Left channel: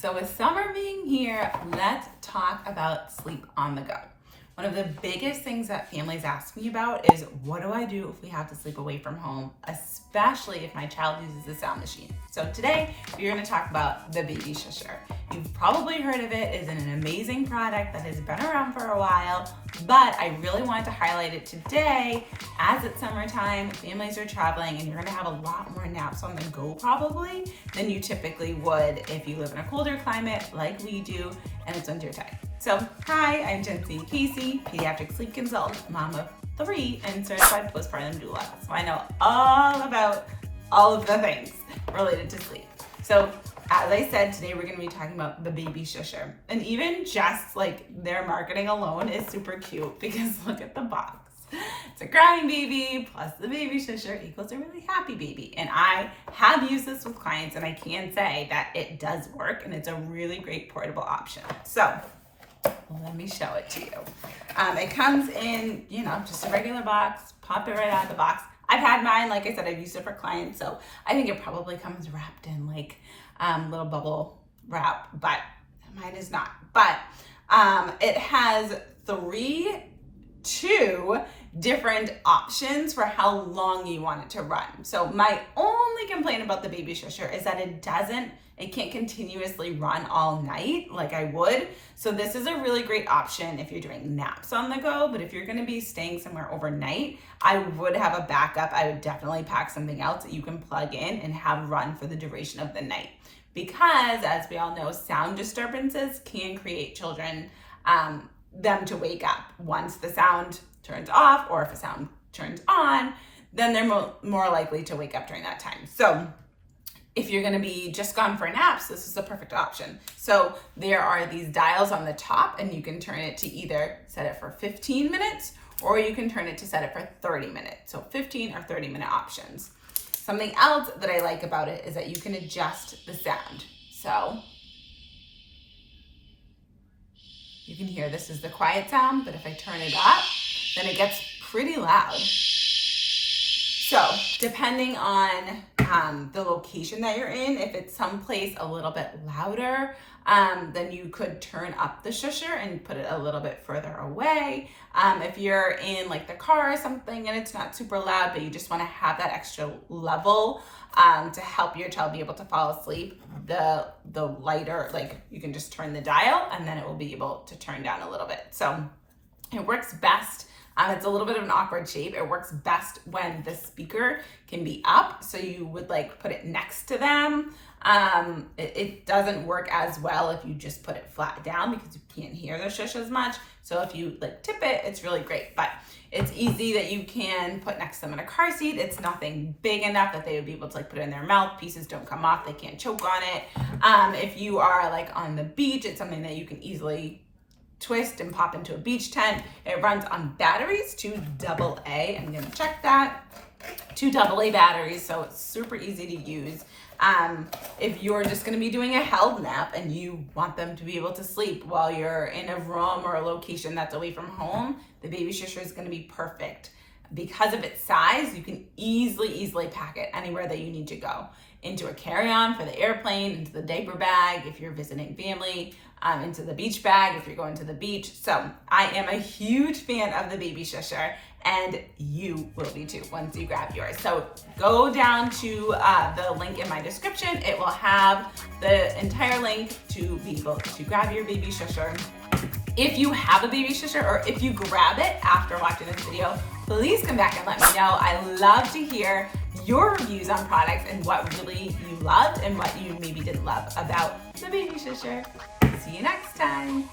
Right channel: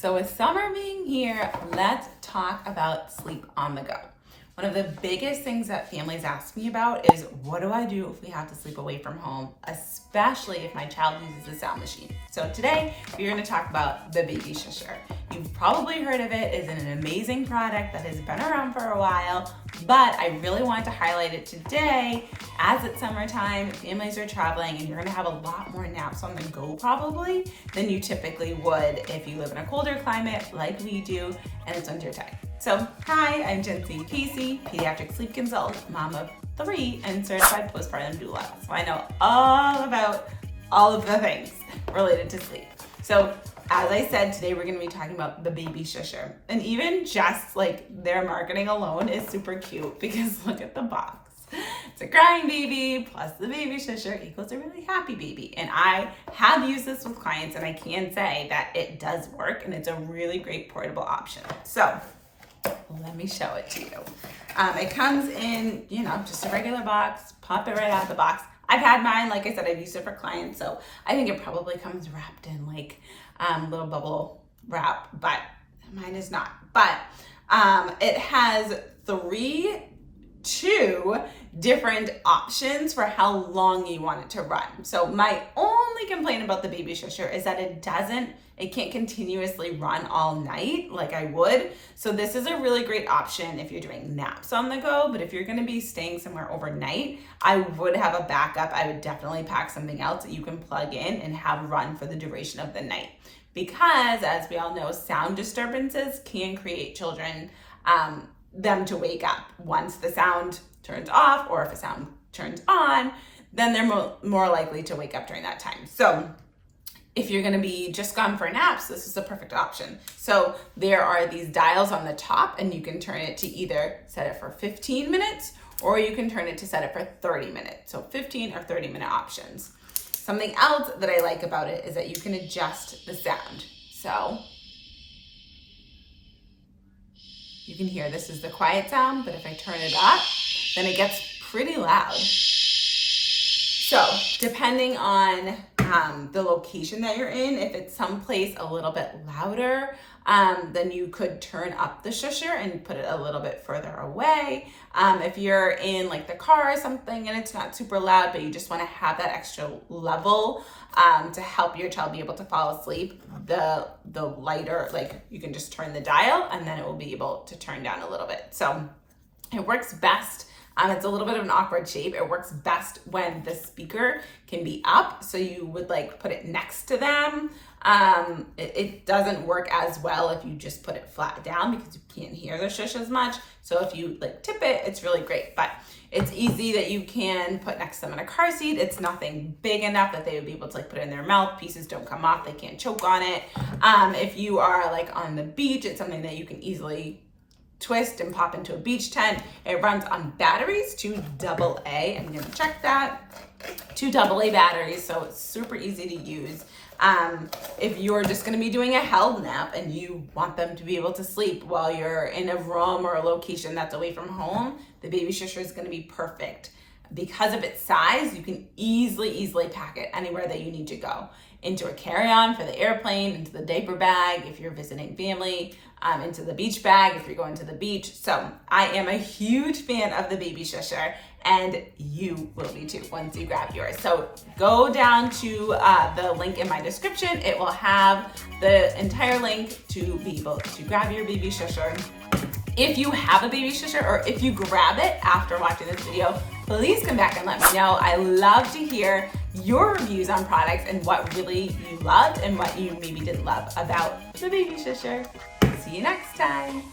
So with summer being here, let's talk about sleep on the go. One of the biggest things that families ask me about is, what do I do if we have to sleep away from home, especially if my child uses a sound machine? So today, we're gonna talk about the BabyShusher. You've probably heard of it. It's an amazing product that has been around for a while, but I really wanted to highlight it today as it's summertime, families are traveling, and you're gonna have a lot more naps on the go probably than you typically would if you live in a colder climate like we do and it's winter time. So, hi, I'm Jency Casey, pediatric sleep consultant, mom of 3, and certified postpartum doula. So I know all about all of the things related to sleep. So, as I said, today we're going to be talking about the BabyShusher. And even just like their marketing alone is super cute because look at the box. It's a crying baby plus the BabyShusher equals a really happy baby. And I have used this with clients and I can say that it does work and it's a really great portable option. So let me show it to you. It comes in, just a regular box, pop it right out of the box. I've had mine, like I said, I've used it for clients, so I think it probably comes wrapped in like little bubble wrap, but mine is not. But it has two different options for how long you want it to run. So my only complaint about the BabyShusher is that it can't continuously run all night like I would. So this is a really great option if you're doing naps on the go, but if you're gonna be staying somewhere overnight, I would have a backup. I would definitely pack something else that you can plug in and have run for the duration of the night. Because as we all know, sound disturbances can create children, them to wake up. Once the sound turns off, or if a sound turns on, then they're more likely to wake up during that time. So if you're gonna be just gone for naps, this is a perfect option. So there are these dials on the top and you can turn it to either set it for 15 minutes or you can turn it to set it for 30 minutes. So 15 or 30-minute options. Something else that I like about it is that you can adjust the sound. So you can hear this is the quiet sound, but if I turn it up, then it gets pretty loud. So depending on the location that you're in, if it's someplace a little bit louder, then you could turn up the shusher and put it a little bit further away. If you're in like the car or something and it's not super loud, but you just want to have that extra level to help your child be able to fall asleep, the lighter, like you can just turn the dial and then it will be able to turn down a little bit. So it works best. It's a little bit of an awkward shape. It works best when the speaker can be up. So you would like put it next to them. It doesn't work as well if you just put it flat down because you can't hear the shush as much. So if you like tip it, it's really great. But it's easy that you can put next to them in a car seat. It's nothing big enough that they would be able to like put it in their mouth. Pieces don't come off. They can't choke on it. If you are like on the beach, it's something that you can easily twist and pop into a beach tent. It runs on batteries, 2 AA. I'm gonna check that. 2 AA batteries, so it's super easy to use. If you're just gonna be doing a held nap and you want them to be able to sleep while you're in a room or a location that's away from home, the BabyShusher is gonna be perfect. Because of its size, you can easily pack it anywhere that you need to go. Into a carry-on for the airplane, into the diaper bag if you're visiting family, into the beach bag if you're going to the beach. So I am a huge fan of the BabyShusher and you will be too once you grab yours. So go down to the link in my description. It will have the entire link to be able to grab your BabyShusher. If you have a BabyShusher or if you grab it after watching this video, please come back and let me know. I love to hear your reviews on products and what really you loved and what you maybe didn't love about the BabyShusher. See you next time.